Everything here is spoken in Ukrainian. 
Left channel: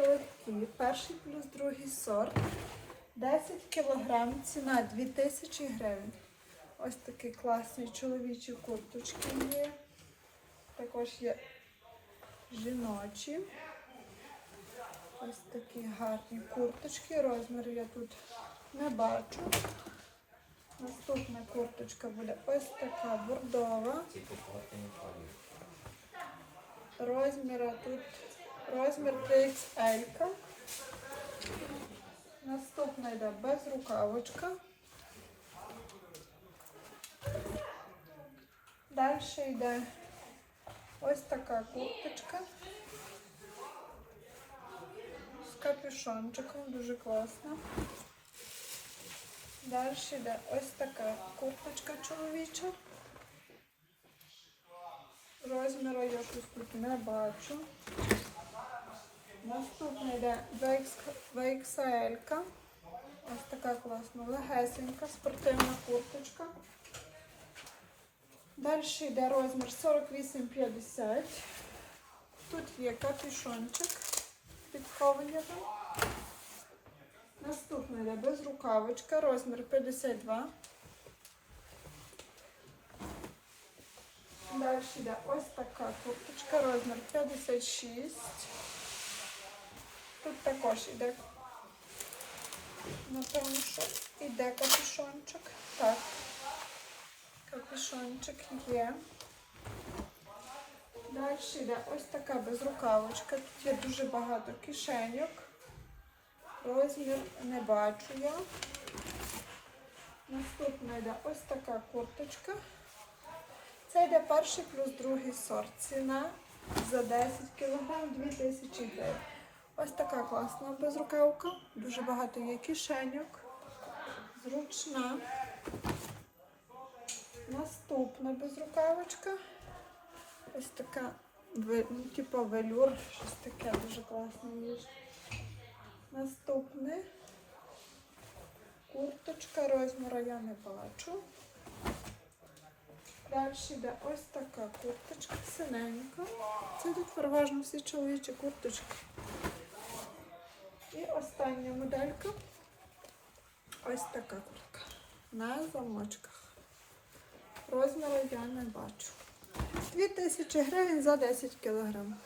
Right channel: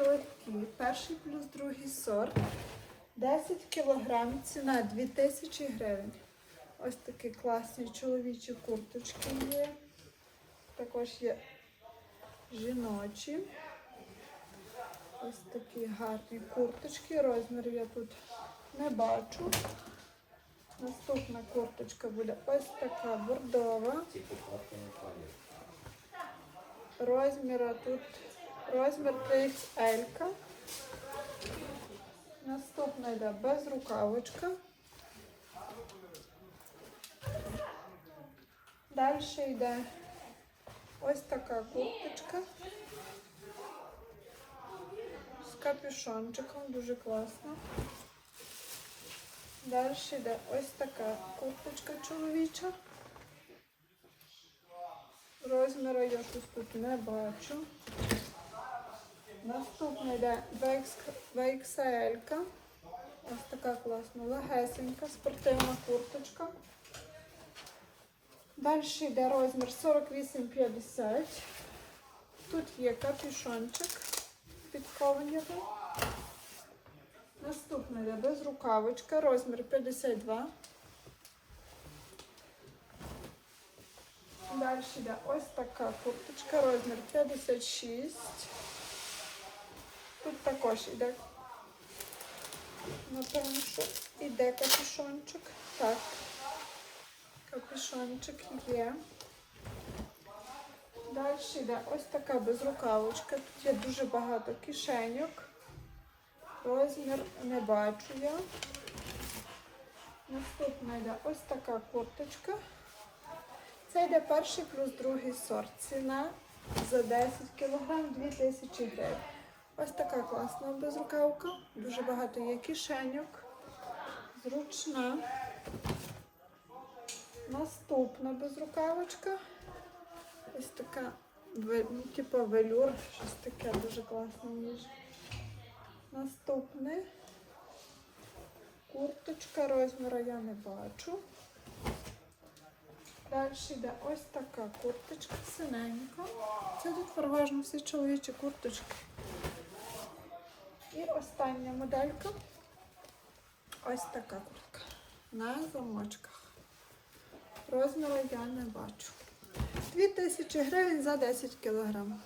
Легкі. Перший плюс другий сорт. 10 кілограм, ціна 2000 гривень. Ось такі класні чоловічі курточки є. Також є жіночі. Ось такі гарні курточки. Розмір я тут не бачу. Наступна курточка буде ось така бордова. Розміра тут розмір 3XL. Наступна йде безрукавочка. Далі йде ось така курточка з капюшончиком, дуже класна. Далі йде ось така курточка чоловіча. Розміру я тут, тут не бачу. Наступна йде VXL. Ось така класна, легесенька, спортивна курточка. Далі йде розмір 48-50. Тут є капюшончик під ковеніром. Наступна йде безрукавочка, розмір 52. Далі йде ось така курточка, розмір 56. Тут також іде, напевно, що іде капюшончик. Так, капюшончик є. Далі йде ось така безрукавочка. Тут є дуже багато кишеньок. Розмір не бачу я. Наступна йде ось така курточка. Це йде перший плюс другий сорт. Ціна за 10 кг 2000 гривень. Ось така класна безрукавка. Дуже багато є кишеньок. Зручна. Наступна безрукавочка. Ось така, типу велюр, щось таке дуже класне ніж. Наступне. Курточка розміру я не бачу. Далі йде ось така курточка синенька. Це тут переважно всі чоловічі курточки. І остання моделька. Ось така куртка. На замочках. Розміру я не бачу. 2000 гривень за 10 кілограм.